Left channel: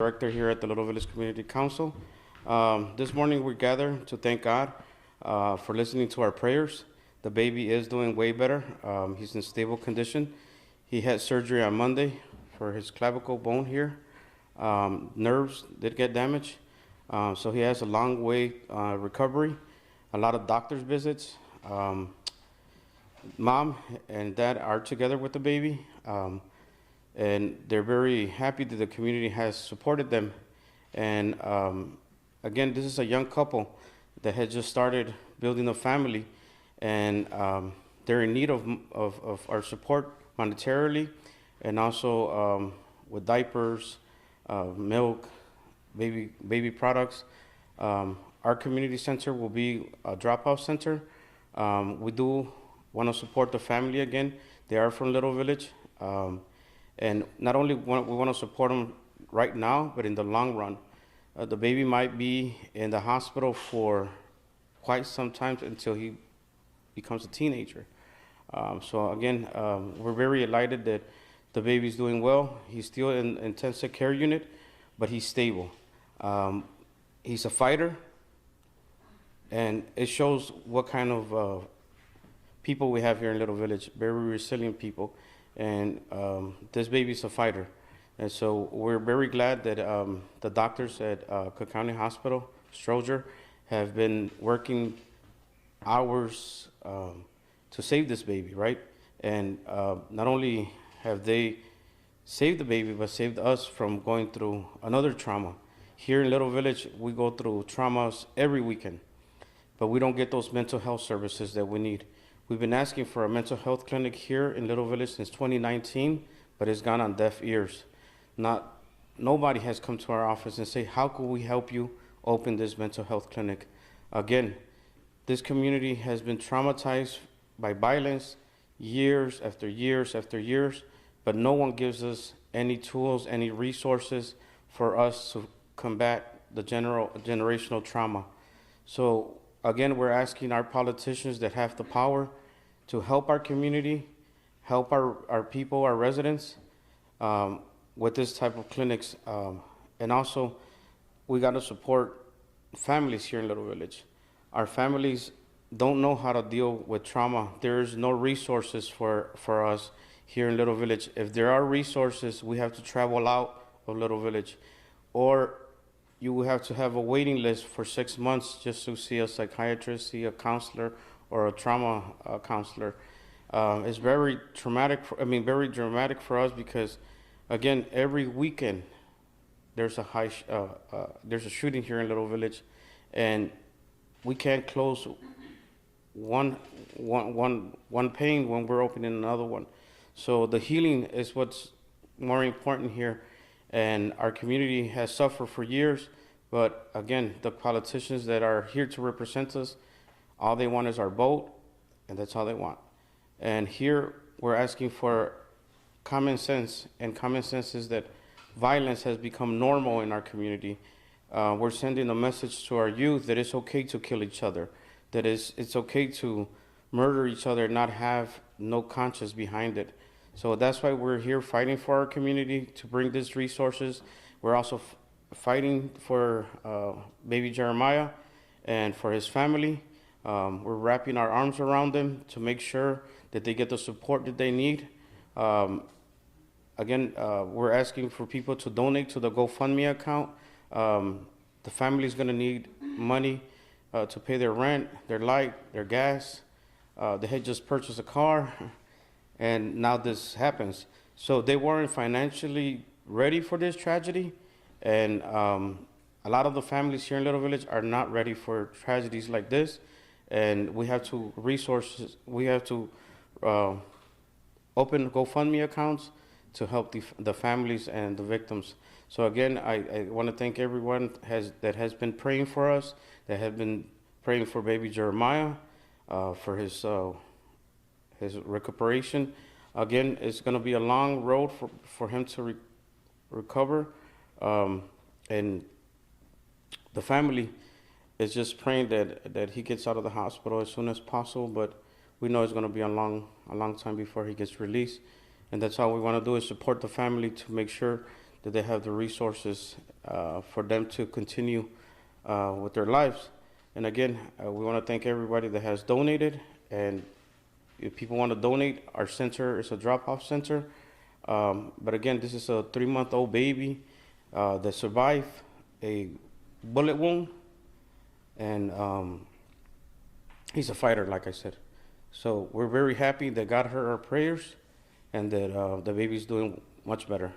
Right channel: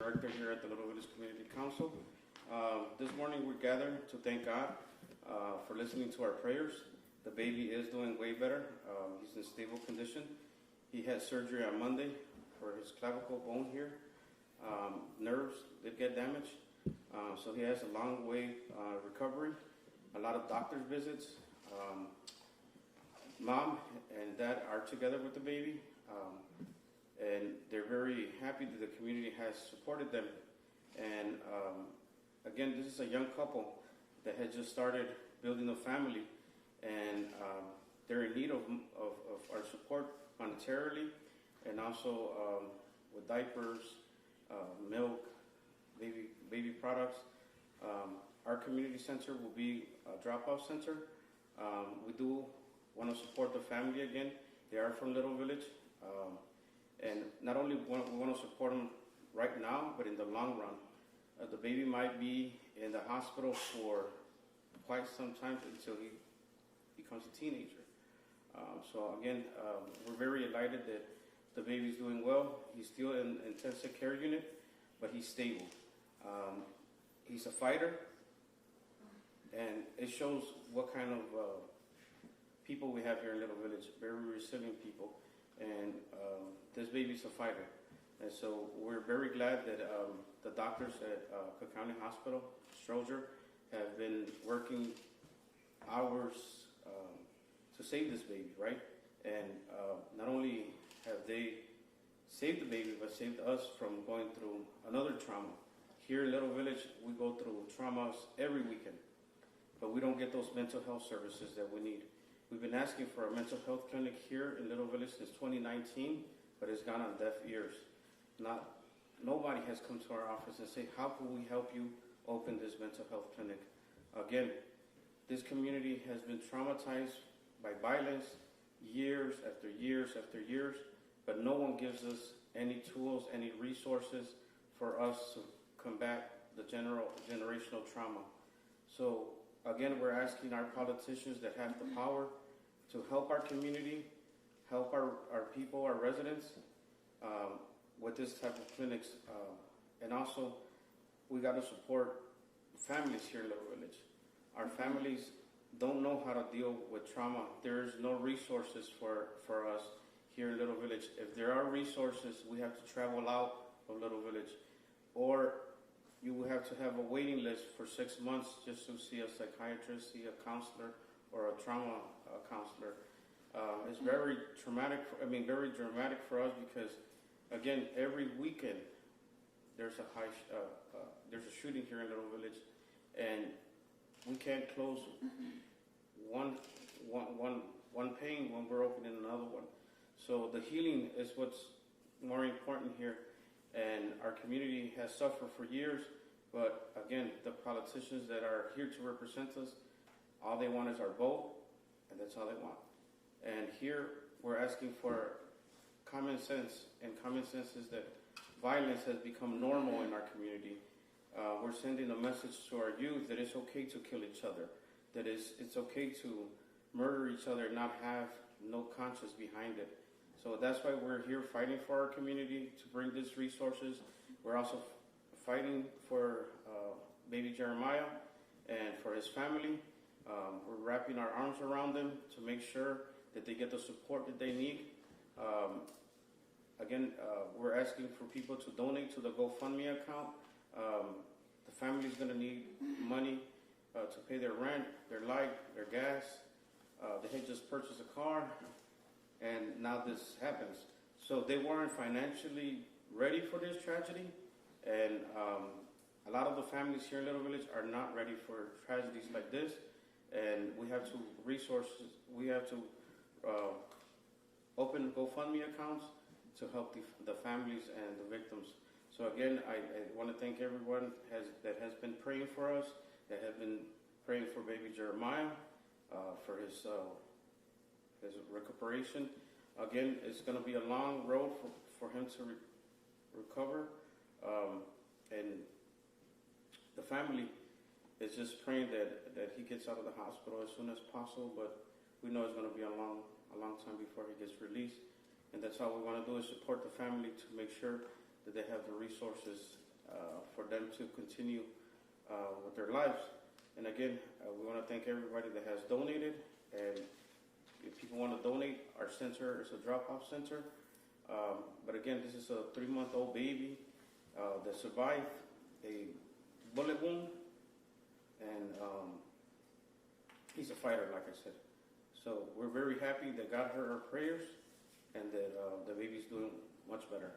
Director here at the Little Village Community Council. This morning we gather to thank God for listening to our prayers. The baby is doing way better. He's in stable condition. He had surgery on Monday for his clavicle bone here. Nerves did get damaged, so he has a long way recovery. A lot of doctor's visits. Mom and dad are together with the baby. And they're very happy that the community has supported them. And again, this is a young couple that had just started building a family, and they're in need of our support monetarily, and also with diapers, milk, baby products. Our community center will be a drop-off center. We do want to support the family again. They are from Little Village. And not only we want to support them right now, but in the long run. The baby might be in the hospital for quite some time until he becomes a teenager. So again, we're very delighted that the baby's doing well. He's still in intensive care unit, but he's stable. He's a fighter, and it shows what kind of people we have here in Little Village, very resilient people. And this baby's a fighter. And so we're very glad that the doctors at Cook County Hospital, Stroger, have been working hours to save this baby, right? And not only have they saved the baby, but saved us from going through another trauma. Here in Little Village, we go through traumas every weekend, but we don't get those mental health services that we need. We've been asking for a mental health clinic here in Little Village since 2019, but it's gone on deaf ears. Nobody has come to our office and say, how can we help you open this mental health clinic? Again, this community has been traumatized by violence years after years after years, but no one gives us any tools, any resources for us to combat the generational trauma. So again, we're asking our politicians that have the power to help our community, help our people, our residents with this type of clinics. And also, we got to support families here in Little Village. Our families don't know how to deal with trauma. There's no resources for us here in Little Village. If there are resources, we have to travel out of Little Village, or you will have to have a waiting list for 6 months just to see a psychiatrist, see a counselor, or a trauma counselor. It's very traumatic. Very dramatic for us because, again, every weekend there's a shooting here in Little Village, and we can't close one pain when we're opening another one. So the healing is what's more important here. And our community has suffered for years, but again, the politicians that are here to represent us, all they want is our vote, and that's all they want. And here we're asking for common sense, and common sense is that violence has become normal in our community. We're sending a message to our youth that it's okay to kill each other, that it's okay to murder each other and not have no conscience behind it. So that's why we're here fighting for our community to bring these resources. We're also fighting for baby Jeremiah and for his family. We're wrapping our arms around them to make sure that they get the support that they need. Again, we're asking for people to donate to the GoFundMe account. The family's gonna need money to pay their rent, their light, their gas. They had just purchased a car, and now this happens. So they weren't financially ready for this tragedy, and a lot of the families here in Little Village are not ready for tragedies like this, and we have to open GoFundMe accounts to help the families and the victims. So again, I want to thank everyone that has been praying for us, that have been praying for baby Jeremiah, for his recuperation. Again, it's going to be a long road for him to recover, and the family is just praying that he gets out of the hospital as soon as possible. But we know it's going to be a long time before he gets released, and that's all we want to do is support the family to make sure that they have the resources for them to continue with their lives. And again, we want to thank everybody that has donated. And if people want to donate, our center is a drop-off center. But again, this is a 3-month-old baby that survived a bullet wound, and he's a fighter, like I said. So we're very happy that God heard our prayers and that the baby's doing much better.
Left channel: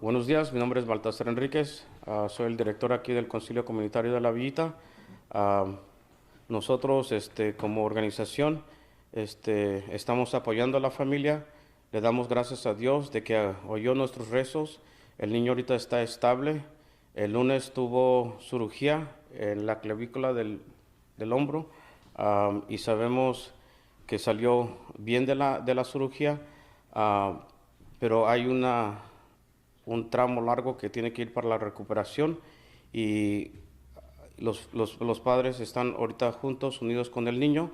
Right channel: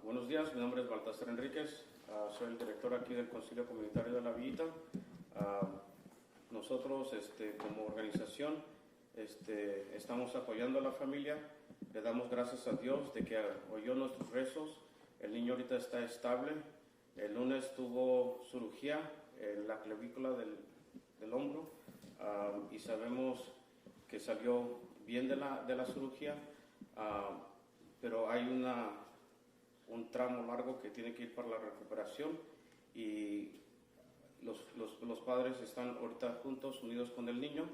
Buenos días, mi nombre es Baltasar Enríquez, soy el director aquí del Concilio Comunitario de la Villita. Nosotros, como organización, estamos apoyando a la familia. Le damos gracias a Dios de que oyó nuestros rezos. El niño ahorita está estable. El lunes tuvo cirugía en la clavícula del hombro, y sabemos que salió bien de la cirugía, pero hay un tramo largo que tiene que ir para la recuperación, y los padres están ahorita juntos, unidos con el niño,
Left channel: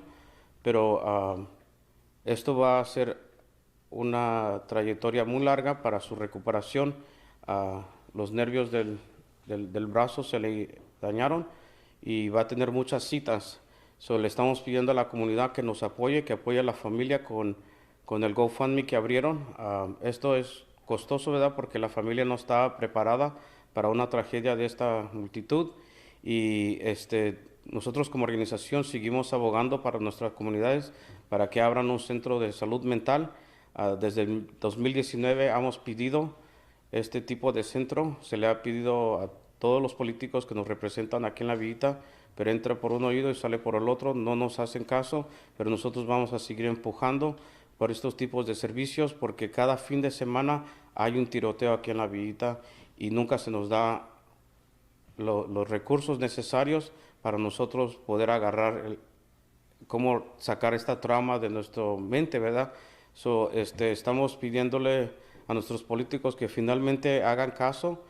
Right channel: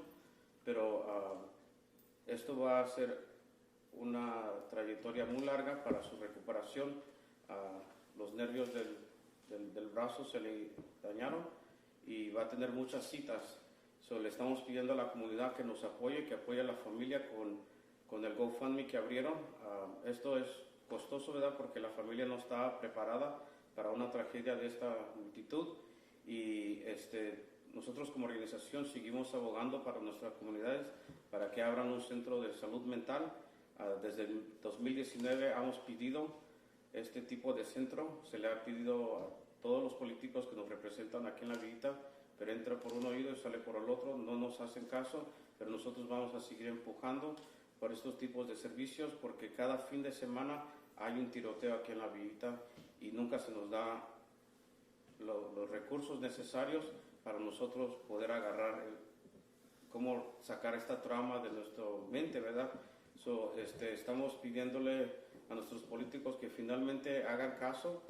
pero esto va a ser una trayectoria muy larga para su recuperación. Los nervios del brazo se le dañaron y va a tener muchas citas. Le estamos pidiendo a la comunidad que nos apoye, que apoye a la familia con el GoFundMe que abrieron. Esto es costoso, ¿verdad? Porque la familia no estaba preparada para una tragedia de esta multitud, y nosotros como organización seguimos abogando para nuestras comunidades para que abran un centro de salud mental. Desde el 2019 hemos pedido este tipo de centro. Se le ha pedido a todos los políticos que nos representan aquí en la Villita, pero entra por un oído y sale por el otro, no nos hacen caso, pero nosotros vamos a seguir empujando por estos tipos de servicios, porque cada fin de semana hay un tiroteo aquí en la Villita y nunca se nos da los recursos necesarios para nosotros poder agarrar cómo sacar esta trauma de nuestra mente, ¿verdad? Estamos pidiéndole a nuestros políticos que finalmente hagan caso.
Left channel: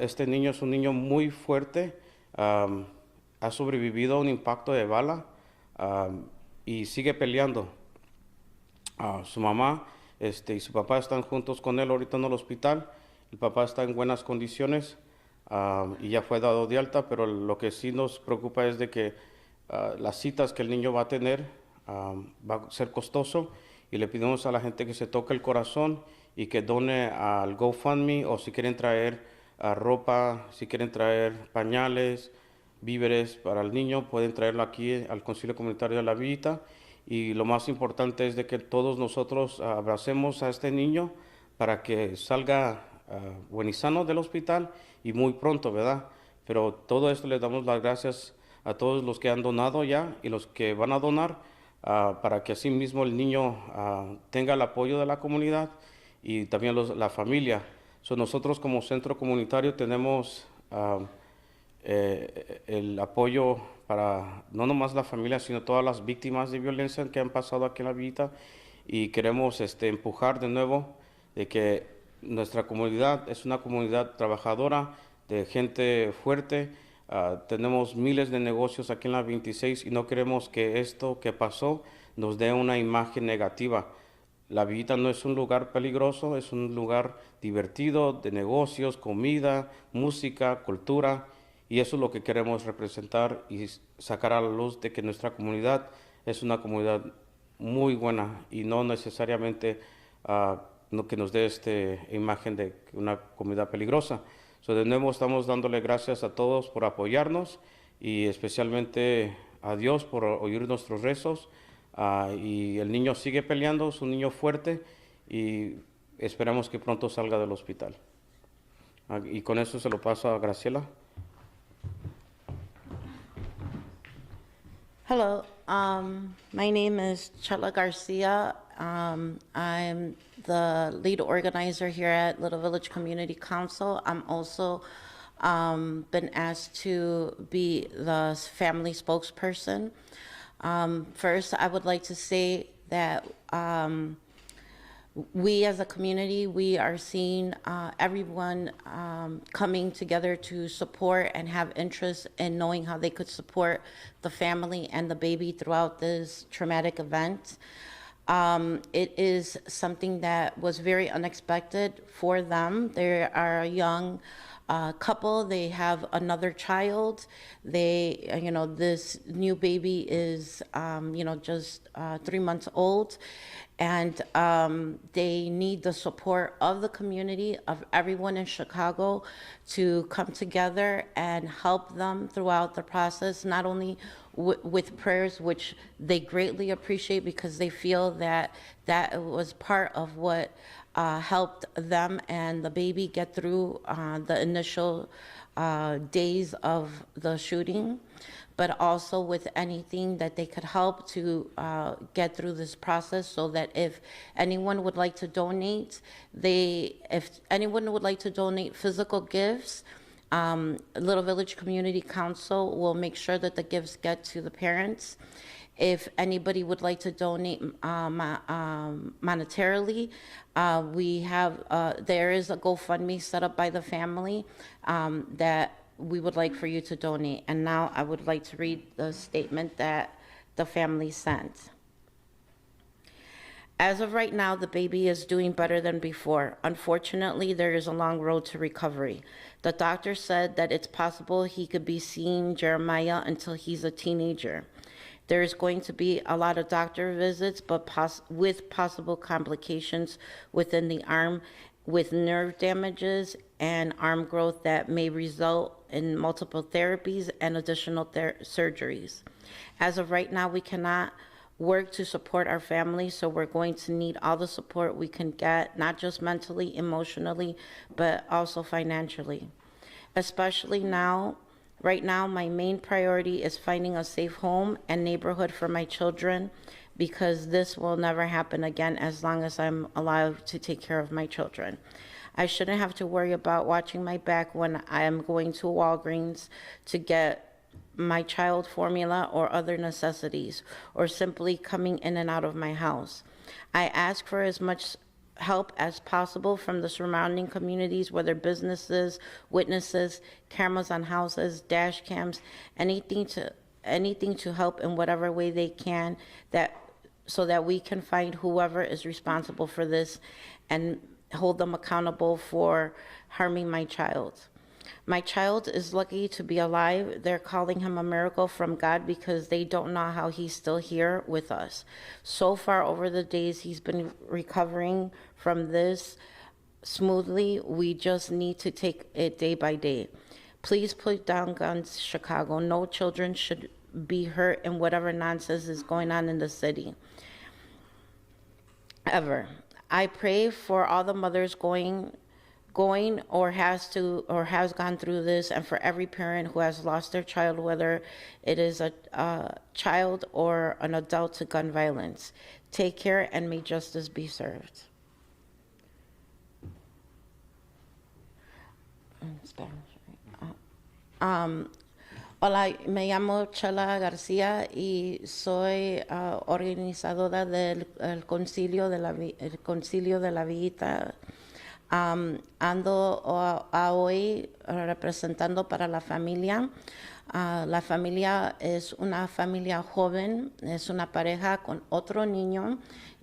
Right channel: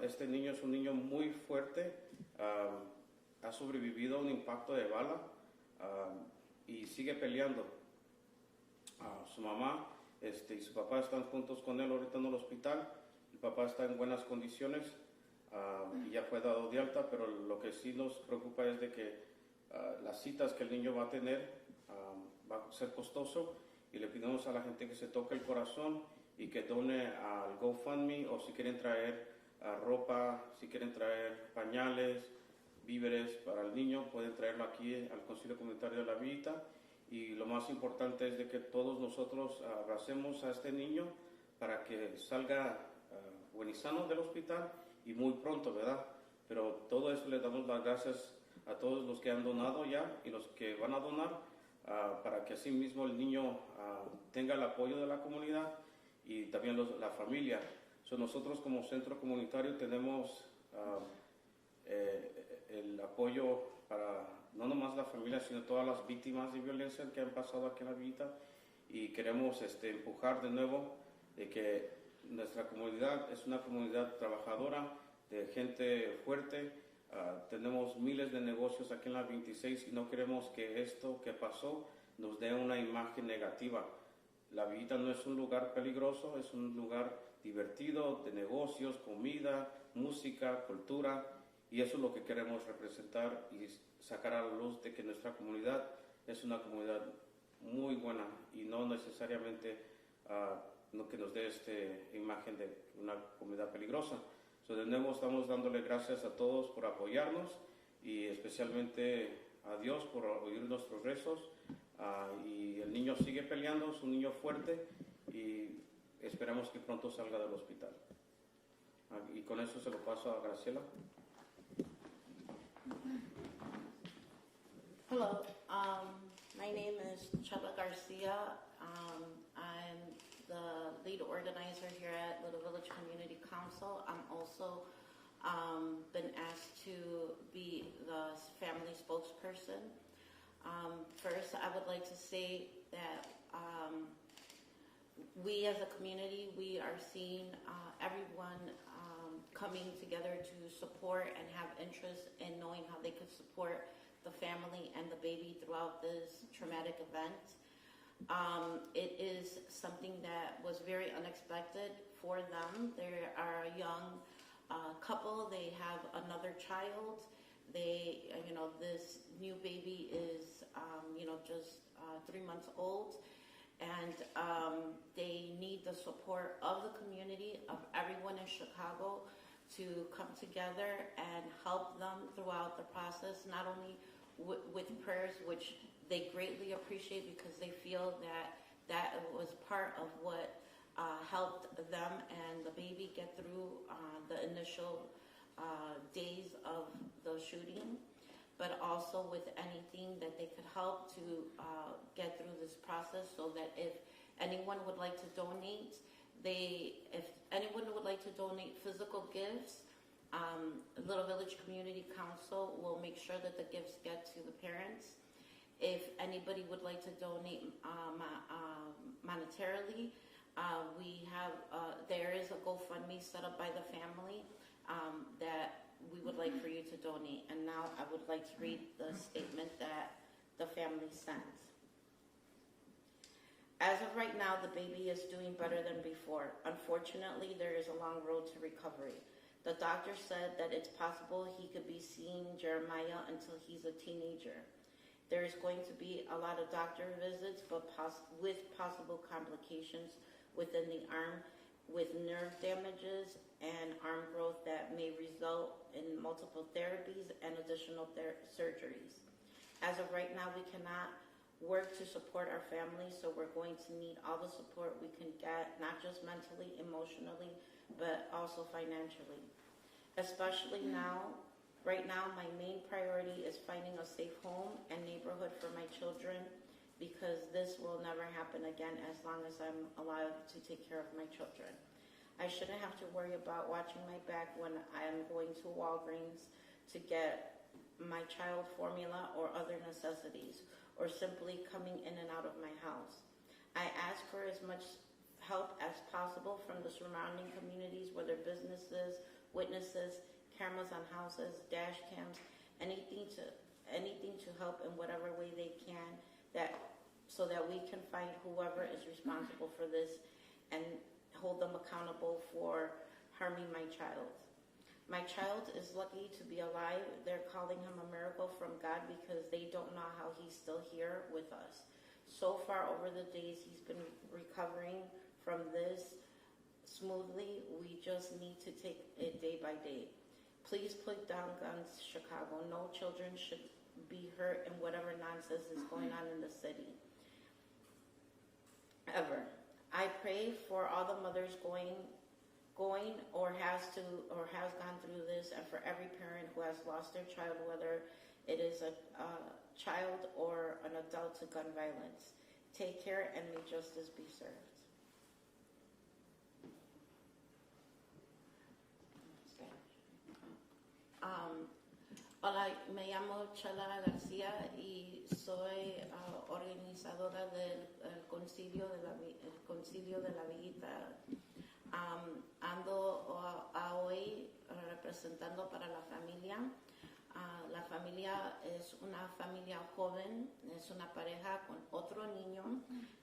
Este niño es un niño muy fuerte, ha sobrevivido a un impacto de bala, y sigue peleando. Su mamá y su papá están juntos con él ahorita en el hospital. El papá está en buenas condiciones, y ya fue dado de alta, pero lo que sí nos preocupa es de que las citas que el niño va a tener va a ser costoso, y le pedimos a la gente que se toque el corazón y que done al GoFundMe, o si quieren traer ropa, si quieren traer pañales, víveres para el niño, pueden traerlo aquí al Concilio Comunitario de la Villita. Y lo más importante es de que todos nosotros abracemos a este niño para que salga buen y sano del hospital, y muy pronto, ¿verdad? Pero todo esto le damos las gracias a todos los que han donado ya y los que van a donar, para que así mismo el niño tenga el apoyo de la comunidad y también la familia. Nosotros como centro comunitario tenemos el apoyo para no nomás la familia, sino todas las víctimas de violencia que han pasado aquí en la Villita, y queremos empujar de nuevo de que nuestra comunidad es una comunidad trabajadora, de gente fuerte. Tenemos miles de negocios aquí en la 26, y no queremos que esto que pasó nos dé una imagen negativa. La Villita no es un lugar peligroso, es un lugar divertido, de negocios, comida, música, cultura, y eso es lo que queremos representar y sacar a la luz de que nuestra comunidad es una comunidad muy buena, y no necesariamente que nos dé esta imagen de una comunidad peligrosa. De nuevo estamos dándole gracias a todos por apoyarnos, y especialmente a Dios por oír nuestros rezos. Y el niño sigue peleando, es un niño fuerte, y esperamos que pronto salga del hospital. Y con eso se lo paso a Graciela. Hello, my name is Chela Garcia. I'm the lead organizer here at Little Village Community Council. I'm also been asked to be the family spokesperson. First, I would like to say that we as a community, we are seeing everyone coming together to support and have interest in knowing how they could support the family and the baby throughout this traumatic event. It is something that was very unexpected for them. They are a young couple. They have another child. This new baby is, just 3 months old. And they need the support of the community, of everyone in Chicago, to come together and help them throughout the process, not only with prayers, which they greatly appreciate because they feel that that was part of what helped them and the baby get through the initial days of the shooting, but also with anything that they could help to get through this process, so that if anyone would like to donate, if anyone would like to donate physical gifts, Little Village Community Council will make sure that the gifts get to the parents. If anybody would like to donate monetarily, there is a GoFundMe set up by the family that we would like for you to donate. And now I would like to read the statement that the family sent. As of right now, the baby is doing better than before. Unfortunately, there is a long road to recovery. The doctor said that it's possible he could be seeing Jeremiah until he's a teenager. There is going to be a lot of doctor visits, but with possible complications within the arm, with nerve damages and arm growth that may result in multiple therapies and additional surgeries. As of right now, we cannot work to support our family, so we're going to need all the support we can get, not just mentally, emotionally, but also financially. Especially now, right now, my main priority is finding a safe home and neighborhood for my children, because this will never happen again as long as I'm alive to take care of my children. I shouldn't have to worry about watching my back when I am going to Walgreens to get my child formula or other necessities, or simply coming in and out of my house. I ask for as much help as possible from the surrounding communities, whether businesses, witnesses, cameras on houses, dash cams, anything to help in whatever way they can, so that we can find whoever is responsible for this and hold them accountable for harming my child. My child is lucky to be alive. They're calling him a miracle from God because they don't know how he's still here with us. So far over the days he's been recovering from this smoothly. We just need to take it day by day. Please put down guns, Chicago. No children should be hurt in whatever nonsense is going on in the city. Ever. I pray for all the mothers going or has gone through this, and for every parent who has lost their child, whether it is a child or an adult, to gun violence. Take care, and may justice be served. Spanish, right? Hola, me llamo Chela García y soy organizadora del Concilio de la Villita. Ando hoy representando para la familia. La familia es una familia joven, es una pareja con otro niño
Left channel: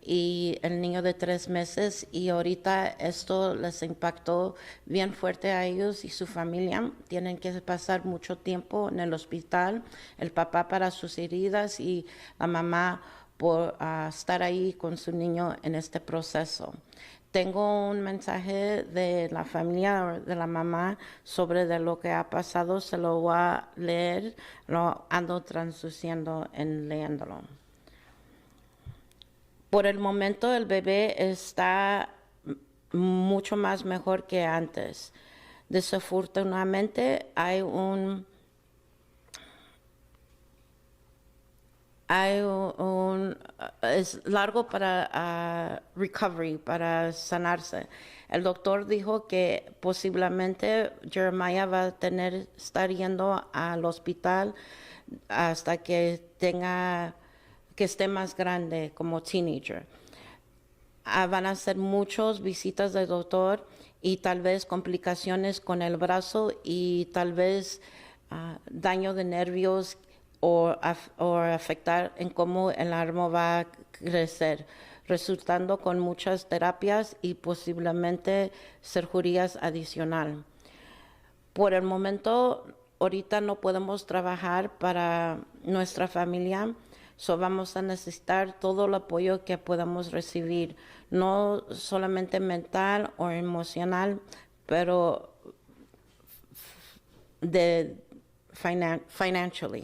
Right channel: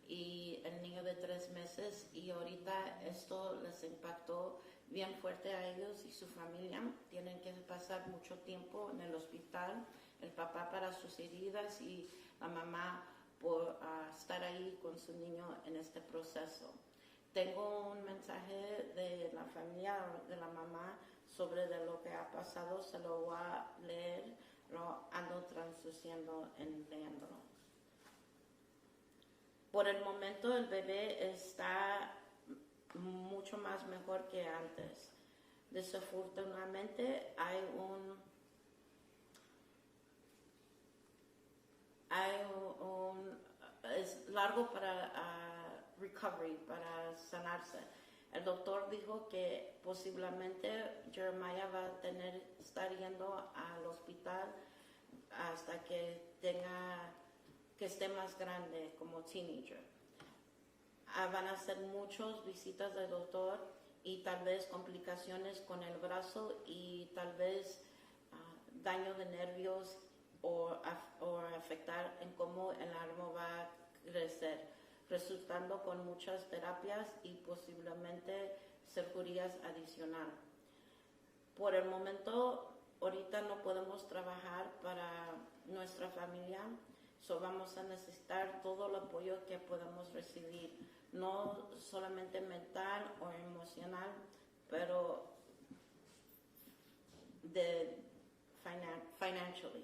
y el niño de 3 meses, y ahorita esto les impactó bien fuerte a ellos y su familia. Tienen que pasar mucho tiempo en el hospital, el papá para sus heridas y la mamá por estar ahí con su niño en este proceso. Tengo un mensaje de la familia, de la mamá, sobre de lo que ha pasado. Se lo voy a leer, lo ando traduciendo en leyéndolo. Por el momento el bebé está mucho más mejor que antes. Desafortunadamente es largo para recovery, para sanarse. El doctor dijo que posiblemente Jeremiah va a estar yendo al hospital hasta que esté más grande, como teenager. Van a ser muchas visitas del doctor y tal vez complicaciones con el brazo y tal vez daño de nervios o afectar en cómo el arma va a crecer. resultando con muchas terapias y posiblemente cirugías adicional. Por el momento, ahorita no podemos trabajar para nuestra familia, so vamos a necesitar todo el apoyo que podamos recibir, no solamente mental o emocional, pero de financially,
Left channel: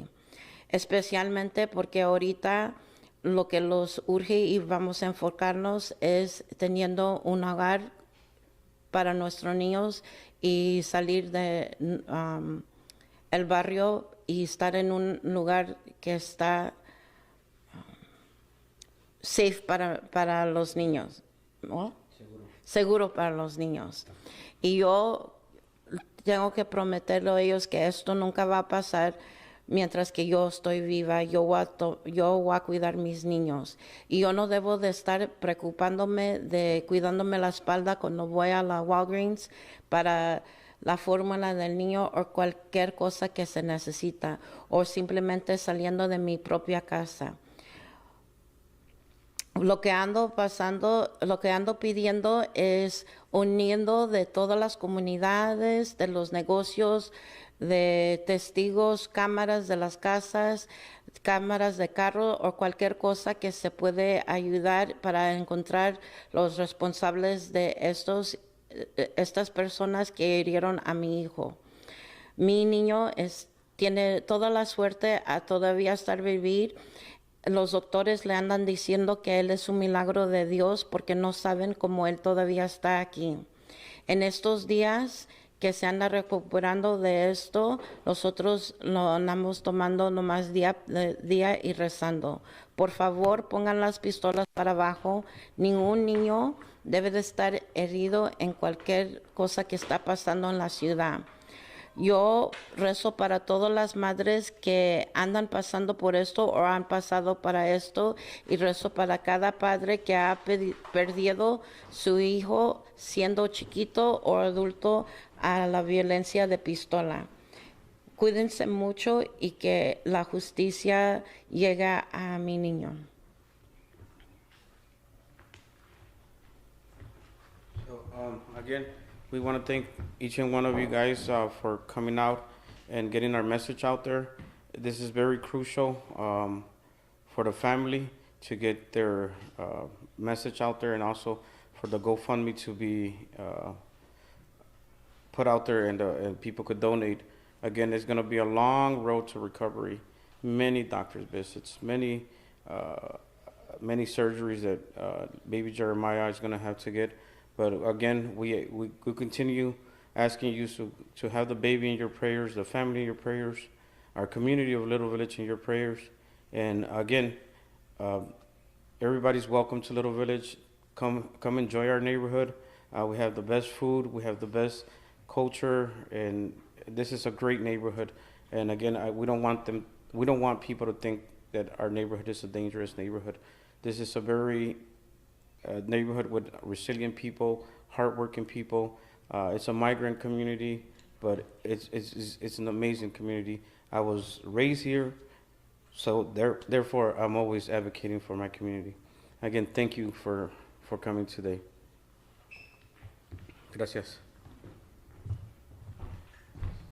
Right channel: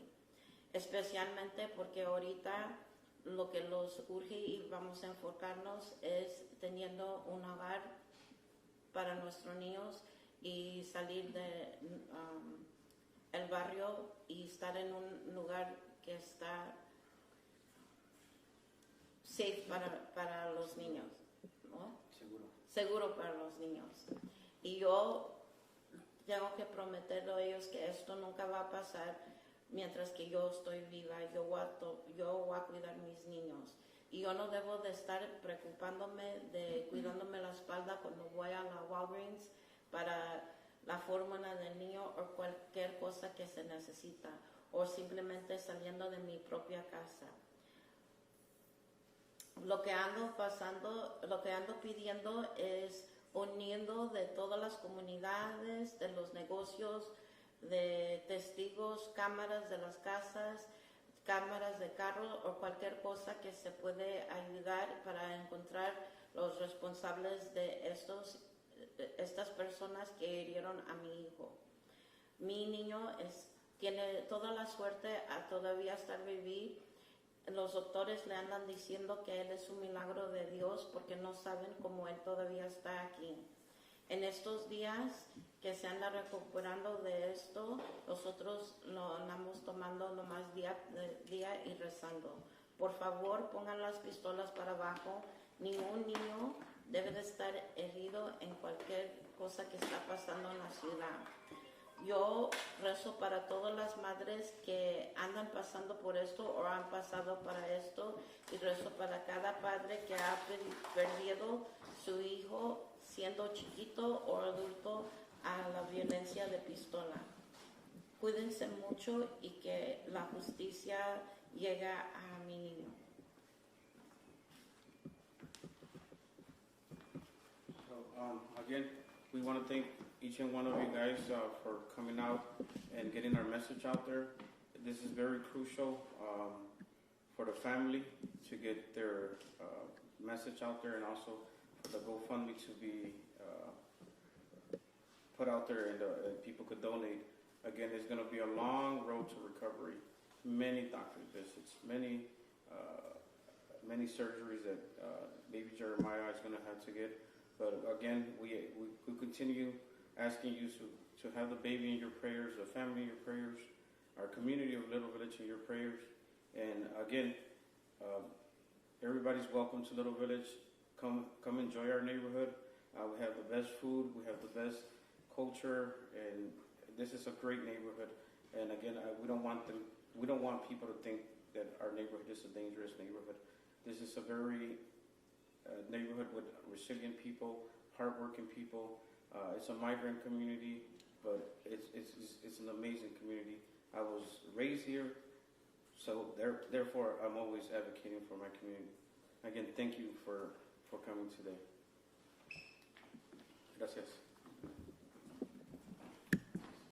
especialmente porque ahorita lo que los urge y vamos a enfocarnos es teniendo un hogar para nuestros niños y salir de el barrio y estar en un lugar que está safe para los niños, ¿no? Seguro para los niños. Y yo tengo que prometerle a ellos que esto nunca va a pasar mientras que yo estoy viva. Yo voy a cuidar mis niños. Y yo no debo de estar preocupándome de cuidándome la espalda cuando voy a la Walgreens para la fórmula del niño o cualquier cosa que se necesita, o simplemente saliendo de mi propia casa. Lo que ando pidiendo es uniendo de todas las comunidades, de los negocios, de testigos, cámaras de las casas, cámaras de carro o cualquier cosa que se puede ayudar para encontrar los responsables de estas personas que hirieron a mi hijo. Mi niño tiene toda la suerte a todavía estar vivir. Los doctores le andan diciendo que él es un milagro de Dios porque no saben cómo él todavía está aquí. En estos días que se anda recuperando de esto, nosotros lo andamos tomando nomás día y rezando. Por favor, pongan las pistolas para abajo. Ningún niño debe de estar herido en cualquier cosa que está pasando en la ciudad. Yo rezo para todas las madres que andan pasando por esto o han pasado para esto, y rezo para cada padre que ha perdido su hijo siendo chiquito o adulto a la violencia de pistola. Cuídense mucho y que la justicia llegue a mi niño. So, again, we want to thank each and one of you guys for coming out and getting our message out there. This is very crucial for the family to get their message out there, and also for the GoFundMe to be put out there, and people could donate. Again, it's going to be a long road to recovery. Many doctor's visits, many surgeries that baby Jeremiah is going to have to get. But again, we continue asking you to have the baby in your prayers, the family in your prayers, our community of Little Village in your prayers. And again, everybody's welcome to Little Village. Come enjoy our neighborhood. We have the best food. We have the best culture, and this is a great neighborhood. And again, we don't want people to think that our neighborhood is a dangerous neighborhood. This is a very neighborhood with resilient people, hardworking people. It's a migrant community, but it's an amazing community. I was raised here, so therefore I'm always advocating for my community. Again, thank you for coming today. Gracias.